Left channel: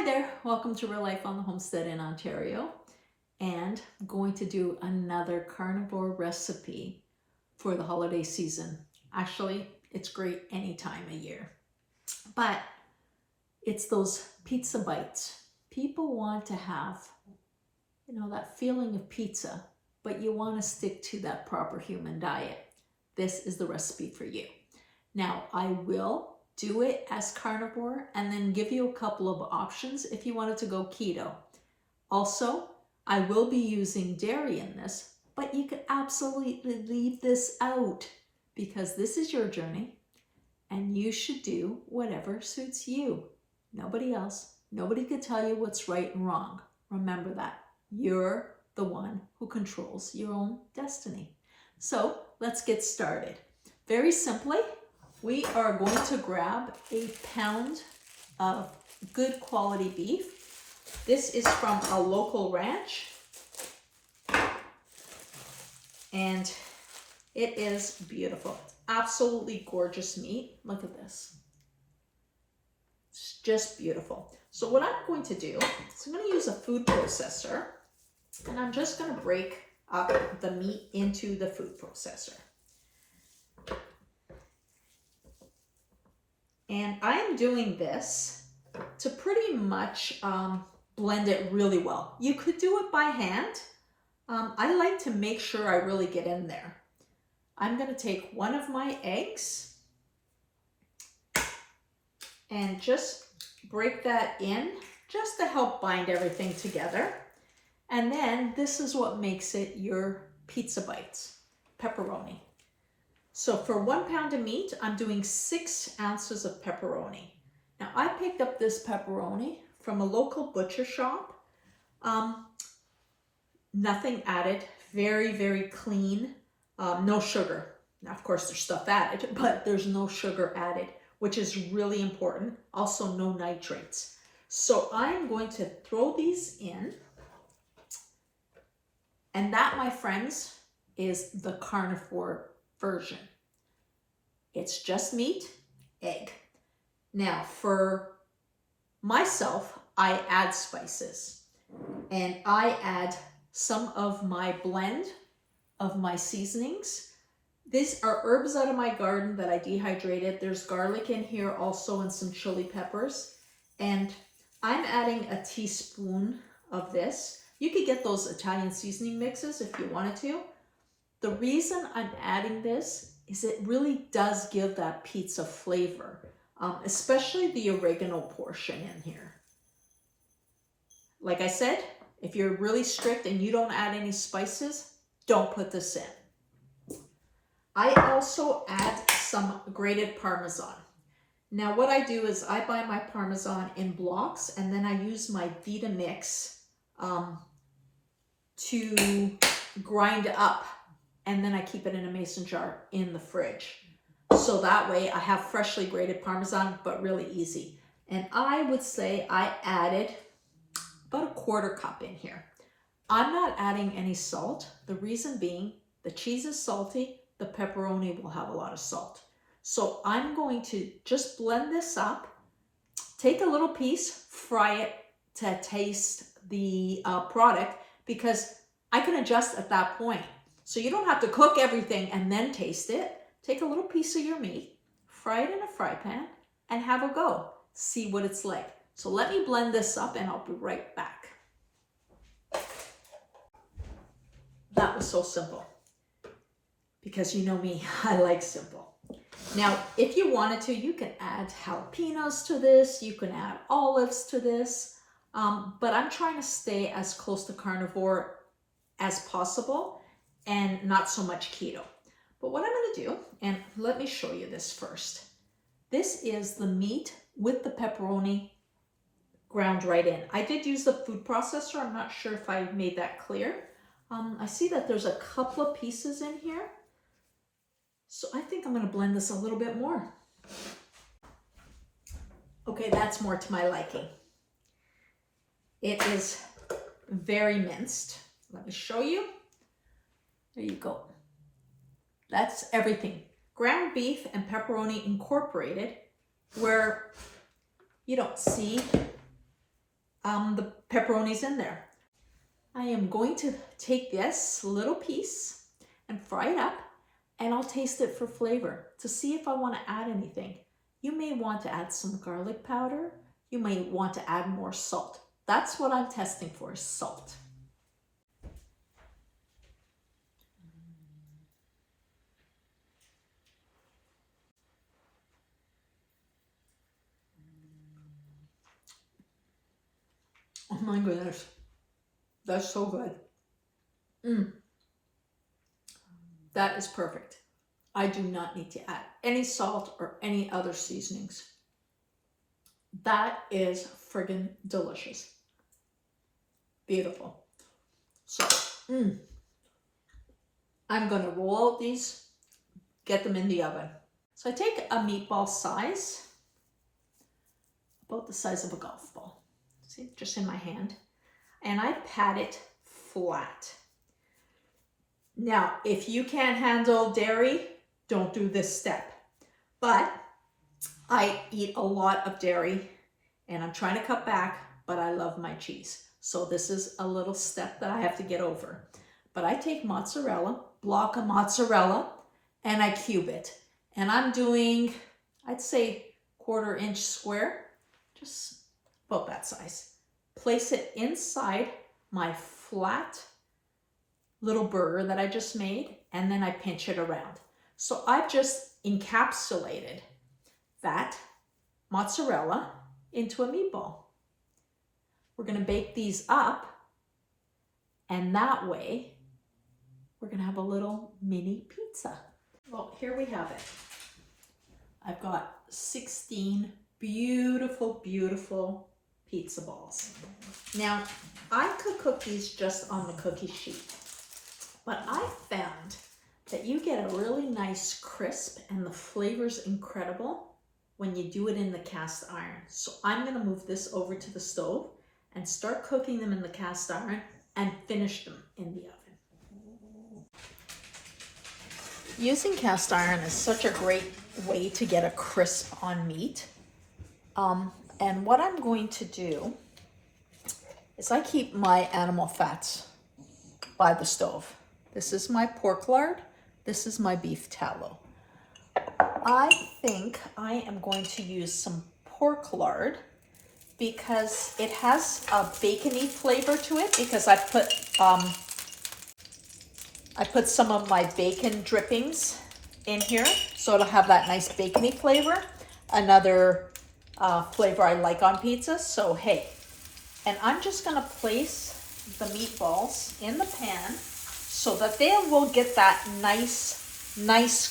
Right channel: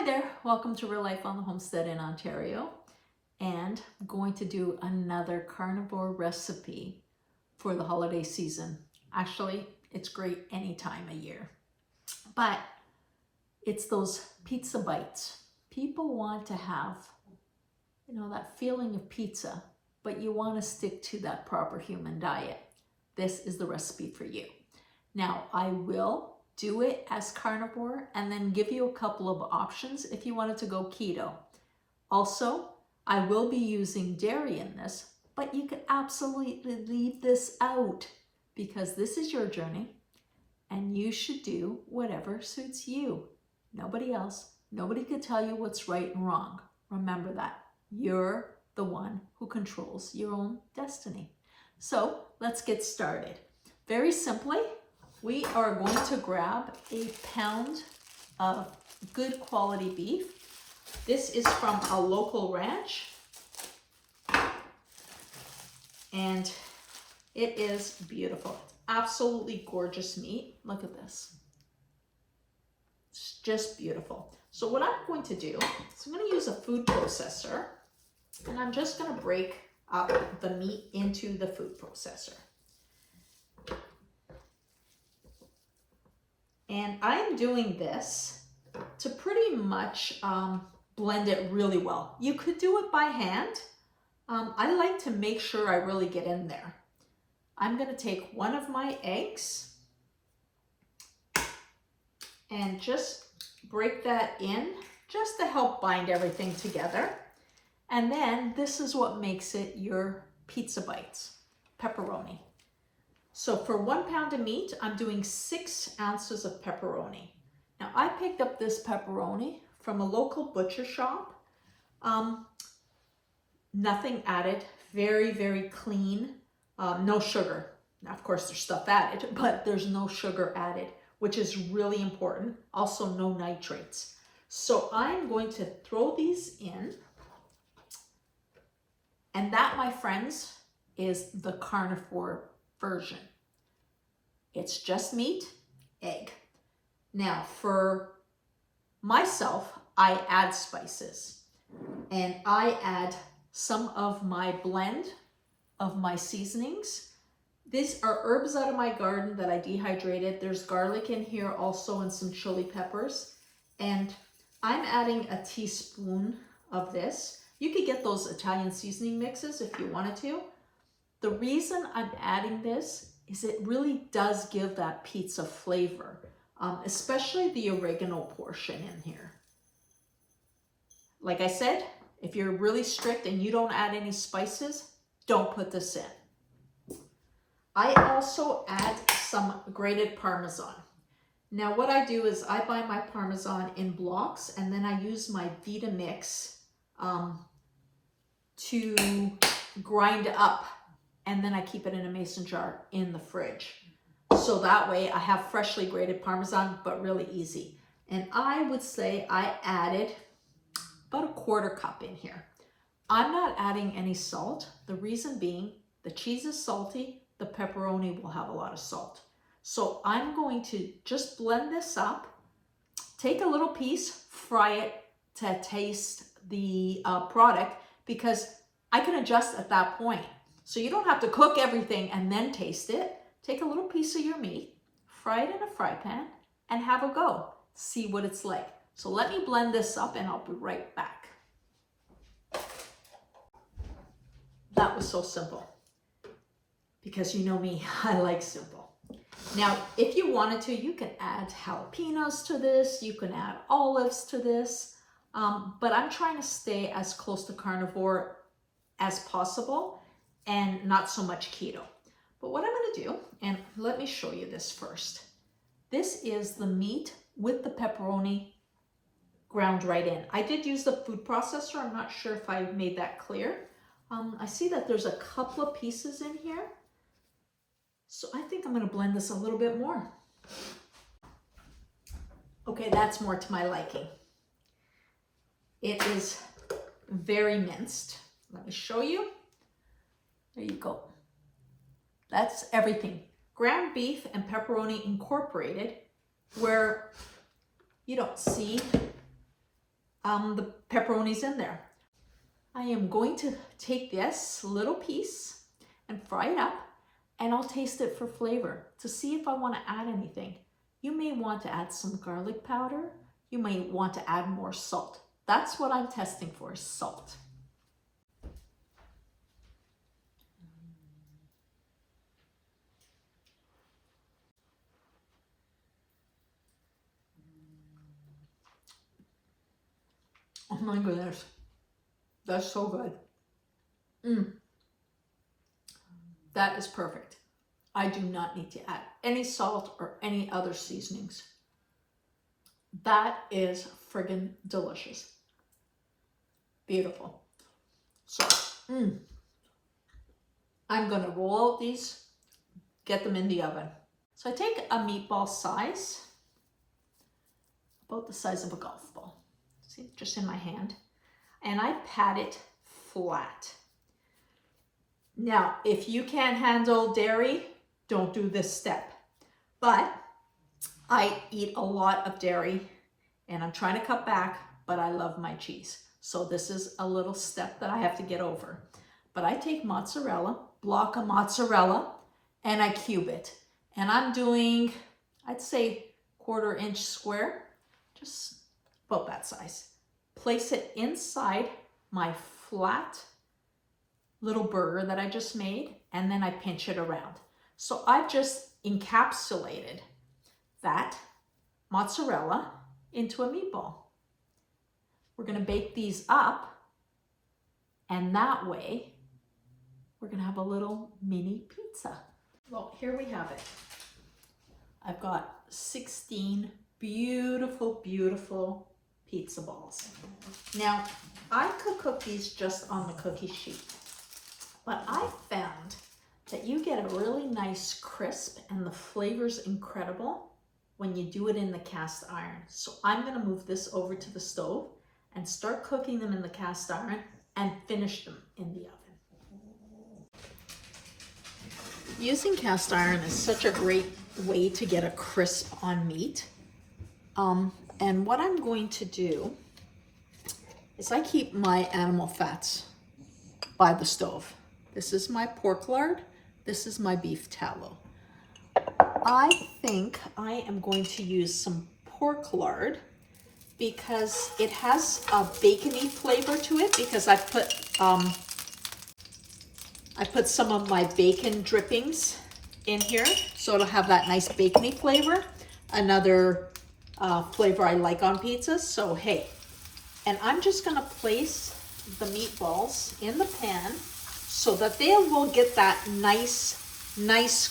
Hi there, welcome to Real Life on the Homestead in Ontario, and I'm going to do another carnivore recipe for the holiday season. Actually, it's great any time of year, but it's those pizza bites. People want to have, that feeling of pizza, but you want to stick to that proper human diet. This is the recipe for you. Now, I will do it as carnivore and then give you a couple of options if you wanted to go keto. Also, I will be using dairy in this, but you could absolutely leave this out because this is your journey and you should do whatever suits you. Nobody else. Nobody could tell you what's right and wrong. Remember that. You're the one who controls your own destiny. So let's get started. Very simply, we are going to grab a pound of good quality beef. This is from a local ranch. And it is beautiful. Absolutely gorgeous meat. Look at this. It's just beautiful. So what I'm going to do is I'm going to use a food processor. And I'm just going to break up the meat into the food processor. And I'm doing this to pretty much blend it really well. You could do it by hand. I like to make sure I really get in there. I'm going to take one of my eggs and just break that in just to help bind everything together. And then this is what makes it your pizza bites, pepperoni. So for 1 pound of meat, I'm doing 6 ounces of pepperoni. Now I picked up this pepperoni from a local butcher shop. Nothing added, very, very clean, no sugar. Now, of course, there's stuff added, but there's no sugar added, which is really important. Also, no nitrates. So I'm going to throw these in. And that, my friends, is the carnivore version. It's just meat, egg. Now, for myself, I add spices. And I add some of my blend of my seasonings. These are herbs out of my garden that I dehydrated. There's garlic in here also and some chili peppers. And I'm adding a teaspoon of this. You could get those Italian seasoning mixes if you wanted to. The reason I'm adding this is it really does give that pizza flavor, especially the oregano portion in here. Like I said, if you're really strict and you don't add any spices, don't put this in. I also add some grated Parmesan. Now what I do is I buy my Parmesan in blocks and then I use my Vitamix to grind up, and then I keep it in a mason jar in the fridge. So that way I have freshly grated Parmesan, but really easy. And I would say I added about 1/4 cup in here. I'm not adding any salt. The reason being, the cheese is salty, the pepperoni will have a lot of salt. So I'm going to just blend this up, take a little piece, fry it to taste the product, because I can adjust at that point. So you don't have to cook everything and then taste it. Take a little piece of your meat, fry it in a fry pan, and have a go. See what it's like. So let me blend this up and I'll be right back. That was so simple. Because you know me, I like simple. Now, if you wanted to, you can add jalapenos to this. You can add olives to this. But I'm trying to stay as close to carnivore as possible and not so much keto. But what I'm going to do, and let me show you this first. This is the meat with the pepperoni ground right in. I did use the food processor. I'm not sure if I made that clear. I see that there's a couple of pieces in here. So I think I'm going to blend this a little bit more. Okay, that's more to my liking. It is very minced. Let me show you. There you go. That's everything. Ground beef and pepperoni incorporated, where you don't see the pepperonis in there. I am going to take this little piece and fry it up, and I'll taste it for flavor to see if I want to add anything. You may want to add some garlic powder. You may want to add more salt. That's what I'm testing for, salt. Oh my goodness, that's so good. That is perfect. I do not need to add any salt or any other seasonings. That is friggin' delicious. Beautiful. So, I'm gonna roll out these, get them in the oven. So I take a meatball size, about the size of a golf ball. See, just in my hand. And I pat it flat. Now, if you can't handle dairy, don't do this step. But I eat a lot of dairy and I'm trying to cut back, but I love my cheese. So this is a little step that I have to get over. But I take mozzarella, block of mozzarella, and I cube it. And I'm doing, I'd say 1/4 inch square, just about that size. Place it inside my flat little burger that I just made, and then I pinch it around. So I've just encapsulated that mozzarella into a meatball. We're gonna bake these up, and that way we're gonna have a little mini pizza. Well, here we have it. I've got 16 beautiful, beautiful pizza balls. Now, I could cook these just on the cookie sheet, but I found that you get a really nice crisp and the flavor's incredible when you do it in the cast iron. So I'm gonna move this over to the stove and start cooking them in the cast iron and finish them in the oven. Using cast iron is such a great way to get a crisp on meat. And what I'm going to do is I keep my animal fats by the stove. This is my pork lard. This is my beef tallow. I think I am going to use some pork lard because it has a bacony flavor to it, because I put some of my bacon drippings in here, so it'll have that nice bacony flavor. Another flavor I like on pizzas. So hey, and I'm just gonna place the meatballs in the pan so that they will get that nice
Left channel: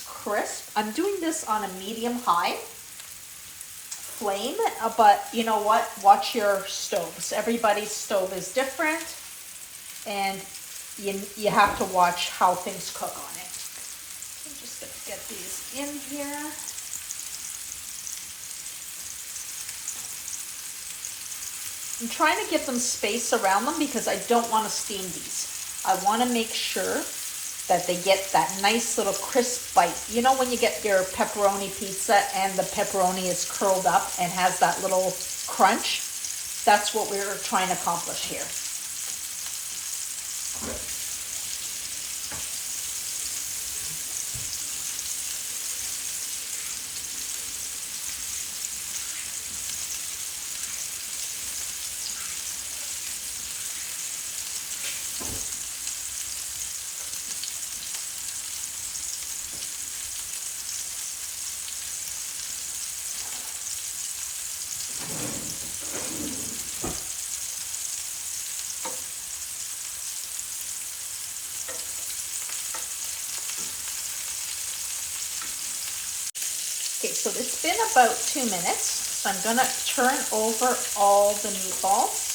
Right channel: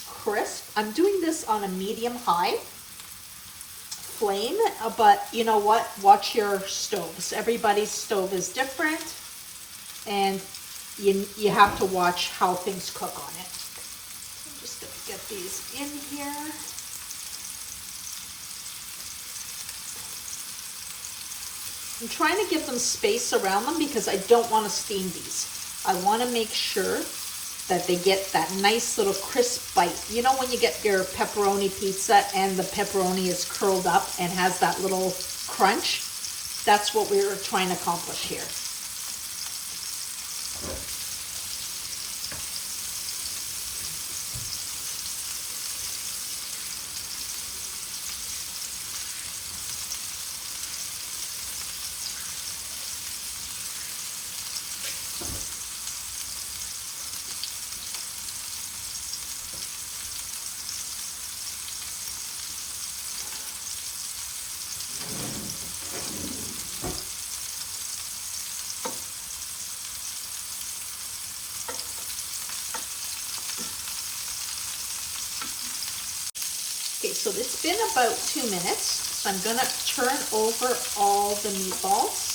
crisp. I'm doing this on a medium-high flame, but you know what? Watch your stoves. Everybody's stove is different, and you have to watch how things cook on it. I'm just gonna get these in here. I'm trying to give them space around them because I don't want to steam these. I want to make sure that they get that nice little crisp bite. You know when you get your pepperoni pizza and the pepperoni is curled up and has that little crunch? That's what we're trying to accomplish here. Okay, so it's been about 2 minutes, so I'm gonna turn over all the meatballs.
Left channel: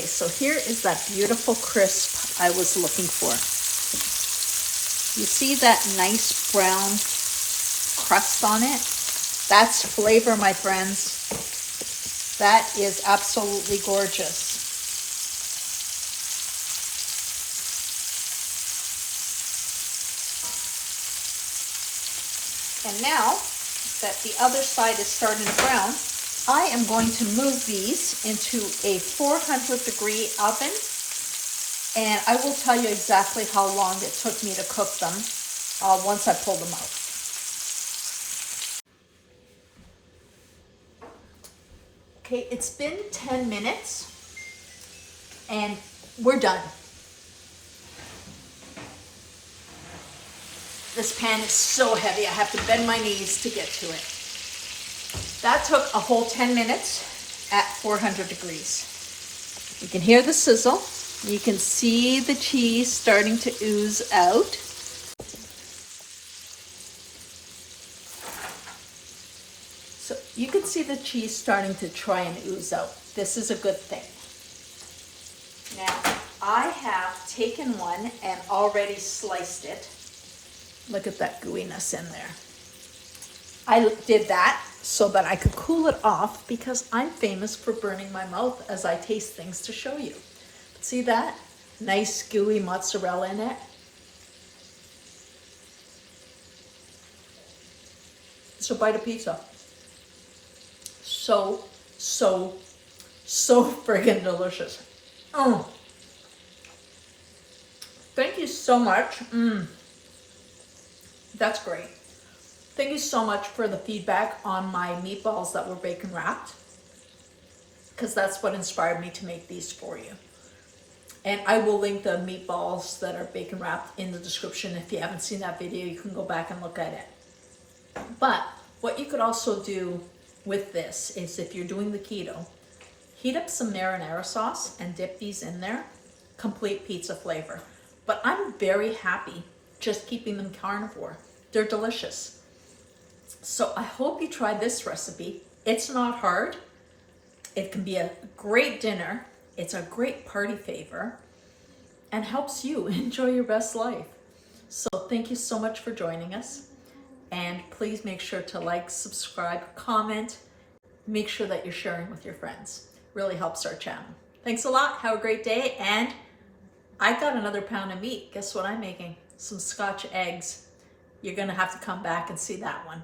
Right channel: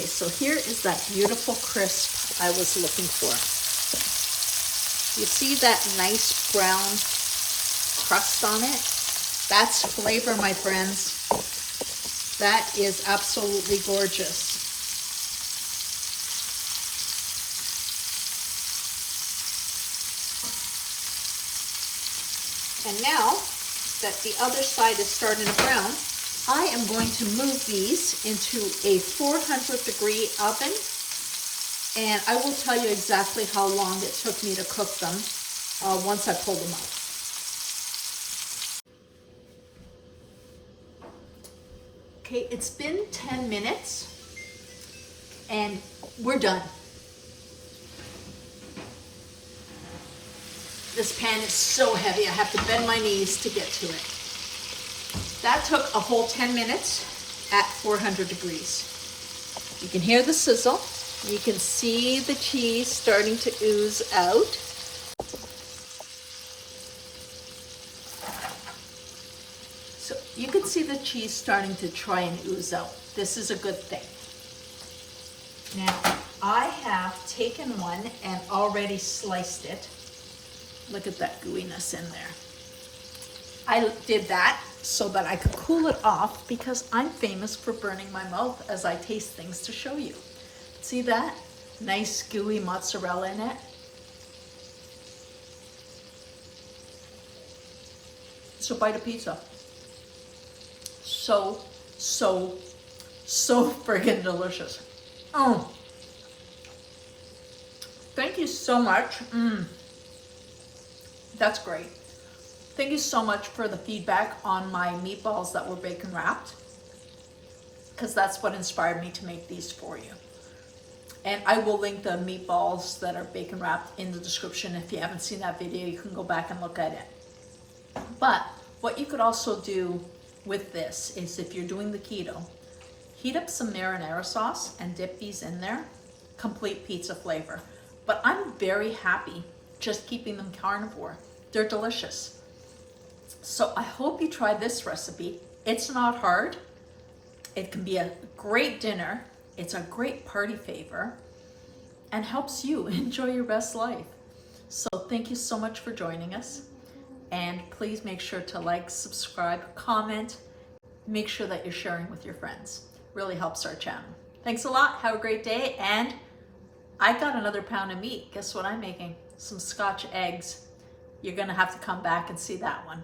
Okay, so here is that beautiful crisp I was looking for. You see that nice brown crust on it? That's flavor, my friends. That is absolutely gorgeous. And now that the other side is starting to brown, I am going to move these into a 400-degree oven, and I will tell you exactly how long it took me to cook them once I pull them out. Okay, it's been 10 minutes and we're done. This pan is so heavy, I have to bend my knees to get to it. That took a whole 10 minutes at 400 degrees. You can hear the sizzle. You can see the cheese starting to ooze out. So you can see the cheese starting to try and ooze out. This is a good thing. Now, I have taken one and already sliced it. Look at that gooiness in there. I did that so that I could cool it off because I'm famous for burning my mouth as I taste things to show you. See that? Nice gooey mozzarella in it. It's a bite of pizza. So friggin' delicious. Oh, thank you so much. That's great. Thank you so much for the feedback on my meatballs that were bacon wrapped, because that's what inspired me to make these for you. And I will link the meatballs that are bacon wrapped in the description. If you haven't seen that video, you can go back and look at it. But what you could also do with this is, if you're doing the keto, heat up some marinara sauce and dip these in there. Complete pizza flavor. But I'm very happy just keeping them carnivore. They're delicious. So I hope you try this recipe. It's not hard. It can be a great dinner. It's a great party favor and helps you enjoy your best life. So thank you so much for joining us. And please make sure to like, subscribe, comment. Make sure that you're sharing with your friends. Really helps our channel. Thanks a lot. Have a great day. And I got another pound of meat. Guess what I'm making? Some Scotch eggs. You're going to have to come back and see that one.